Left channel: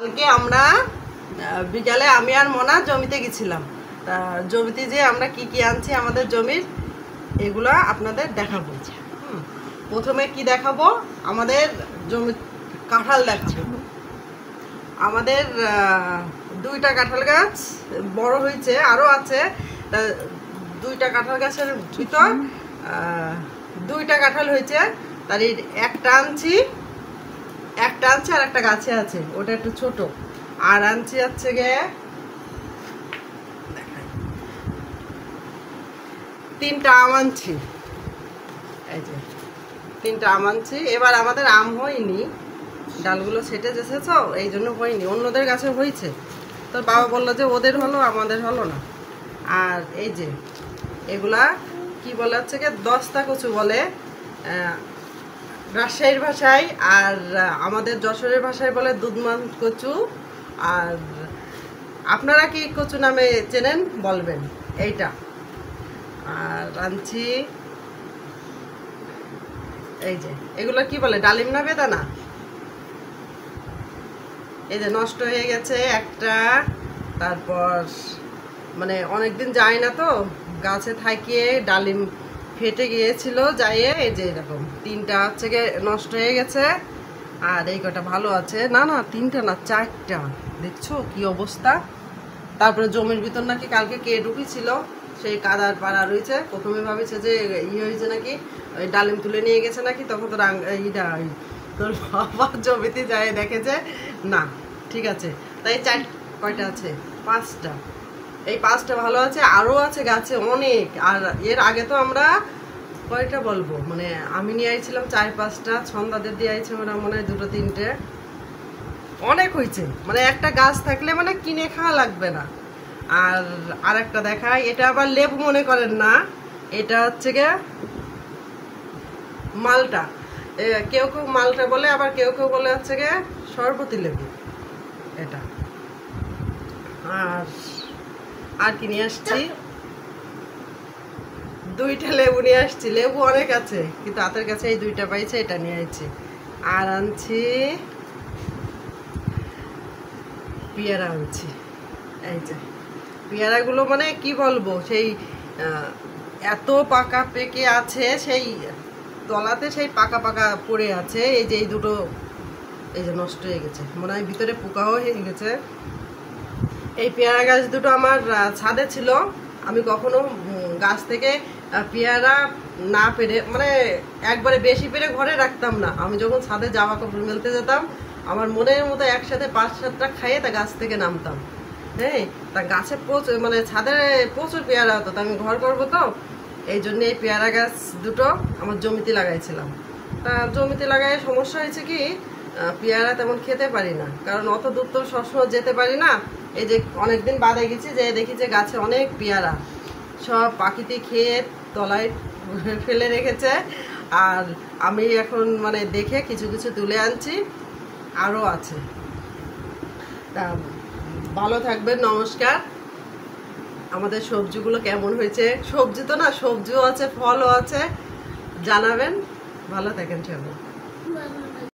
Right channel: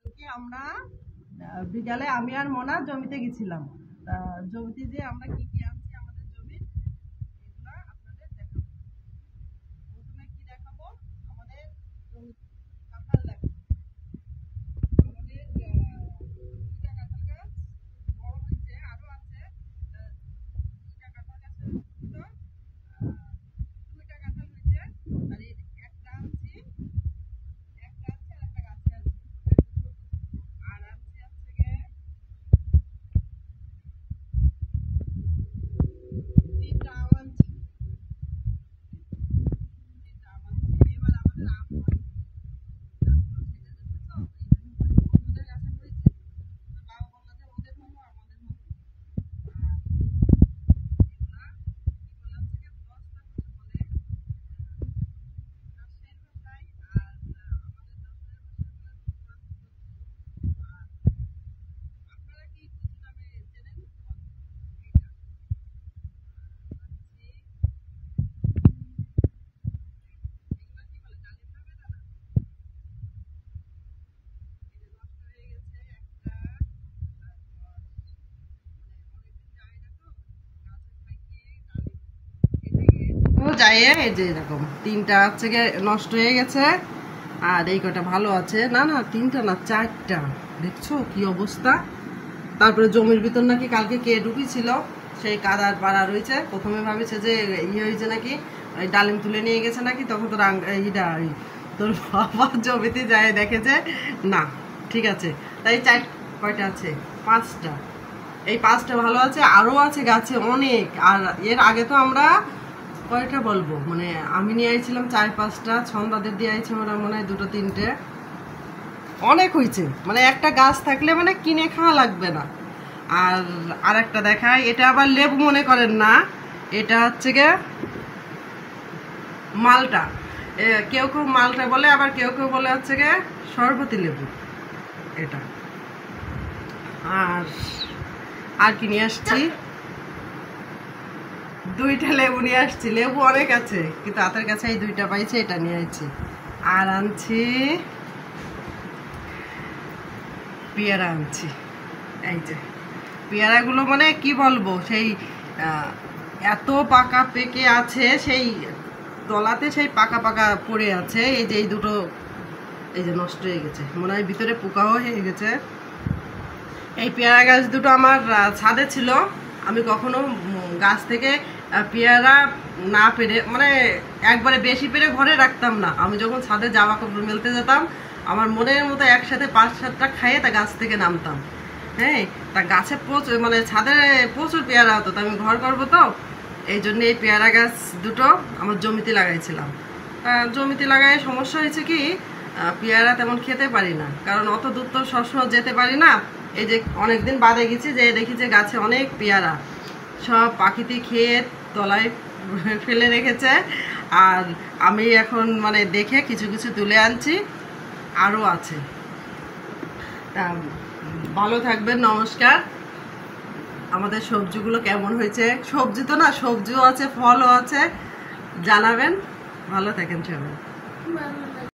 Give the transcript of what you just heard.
কালকে আমরা বিকালে আমি আর মোনা জমিতে গেছিলাম। জমিতে যে আমরা কি কি আনছি আমাদের জমির, এগুলা আপনাদের দেখাবো। প্রথমে কি দেখাবো, আমাদের জমি কাঁঠাল দেখাবো। আমাদের 2টা কাঁঠাল গাছ বড় হয়েছে, আরও আছে। 2টা কাঁঠাল গাছের ভিতর 2টা কাঁঠাল হয়েছে, তার একটা আনছি আর একটা গাছে আছে, ওটা একটু ছোট। আর আনছি হচ্ছে গিয়ে 3টা আম আনছি। এই যে 3টা আম আনছি। এবার আমাদের আম হয়নি, ডালগুলো ছেটে যেছে, এই জন্য হয়নি। অন্যদের গাছে হয়েছে, তো বাবা বললো যে ওদের হলো, আমাদের হলো না। আর এই যে এগুলা কি বলে হচ্ছে গিয়ে দস্তা কচু বলে রাজশাহীর ভাষায়, আর আমাদের যশোরের ভাষায় বলে দুধমান কচু। আর আপনারা কি কচু নামে চেনেন বলবেন এইটা। আর আনছি এই যে এগুলো কি বলে, ডালিম না বেদানা। এই যে নষ্ট হয়ে গেছে একটা, তারপর মানে অনেকদিন যায় না তো গাছে থাকিয়ে ডালিম ফেটে গিয়েছিল যাইয়ে, এই যে এরকম 3টা হচ্ছে গিয়ে নষ্ট হয়ে গেছে। আর এই কটা ভালো আছে, না 3টা না 4টা, দেখছো কি অবস্থা। তারপরে জমির ভিতর নাকি কালকে কে ঢুকেছিল, সেই কাদার পাড়া রয়েছে। প্রথমে ভাবিছে যে হয়েছে নাকি, ওই ডালিম তুলে নিয়ে গেছে নাকি, তখন তো তোর বাবা জমিতে যায় দেখেছে না, ঠিক আছে। তাই কয়টা আছে, 5টা। এই 5টা ভালো আছে, আরও আছে গাছে অনেক। আর এর আগে তো আমরা কয়টা বলবো, মানে আমি নিয়ে আইছিলাম 4-5টা, ছন্দাদের দিয়ে আইছে ওরা মনে হয় 2-3টে। অনেক হয়েছে, মানে একটা গাছ থাকলে মানে কিনে খাওয়া লাগবে না। আর একটা দেখায়, এটা আবার লেবু মনে করেন না, এটা হচ্ছে গিয়ে মালটা। কেউ কেউ মালটা বলে, আবার কেউ কেউ বলে হচ্ছে গিয়ে শরবতি লেবু এটা। আর কি নিয়ে আসছি, 2টা লেবু নিয়ে আসছি। লেবু অনেক আছে, কিন্তু হাতের কাছে এই 2টা পাইছে, এটা নিয়ে আসছি। আর আনছি পেয়ারা আনছি। এই যে পেয়ারাগুলো মানে কি বলবো, সেই এত পাকা পেকে আছে, সেই তলাতে সেই পাকা পাকা পড়ে আছে। এই যে এই দুটো এই যে নষ্ট হয়ে গেছে, মনে হয় ভিতরে পোকাও হয়ে গেছে। এই পেয়ারা গাছ দুটো আমার ছাদে ছিল। আমি কখনো গাছ থেকে পেয়ারা না পেরে, মানে একবারে বেশি পেরে ঘরে রাখতাম না। আমি যখন ছাদে জামা কাপড় মেলতে যেতাম, আমার মনের মতো একসাথে 5-7টা খাইয়ে তা গাছ থেকে নামতাম। হ্যাঁ, তা গাছে প্রচুর, মানে ছাদে প্রচুর পেয়ারা হতো। তা আমি ঘর করবো তো, এই জন্য এই পেয়ারা গাছ দুটো আমার জমিতে লাগাইছিলাম। তা জমিতে লাগাই সমস্যা হয়েছে কি, পেয়ারা তেমন খেতে পারি না, কারণ অত দূর তো সবসময় যেতে পারি না। এই যে অনেকদিন বাদে গেছি, যে দেখি যে গাছে অনেক পেয়ারা, সব পাখিতে খেয়ে তলায় ফেলে রেখেছে। আর আমি এখন মানে দেখে কিছু কিছু তুলে আনছি, আরও আছে। তা ভালো থাকবেন, নমস্কার। আমাদের সবজিগুলো কেমন হয়েছে, সবজি তো না, সবজিও আছে, ফলও আছে, জানাবেন। ভালো থাকেন সবাই।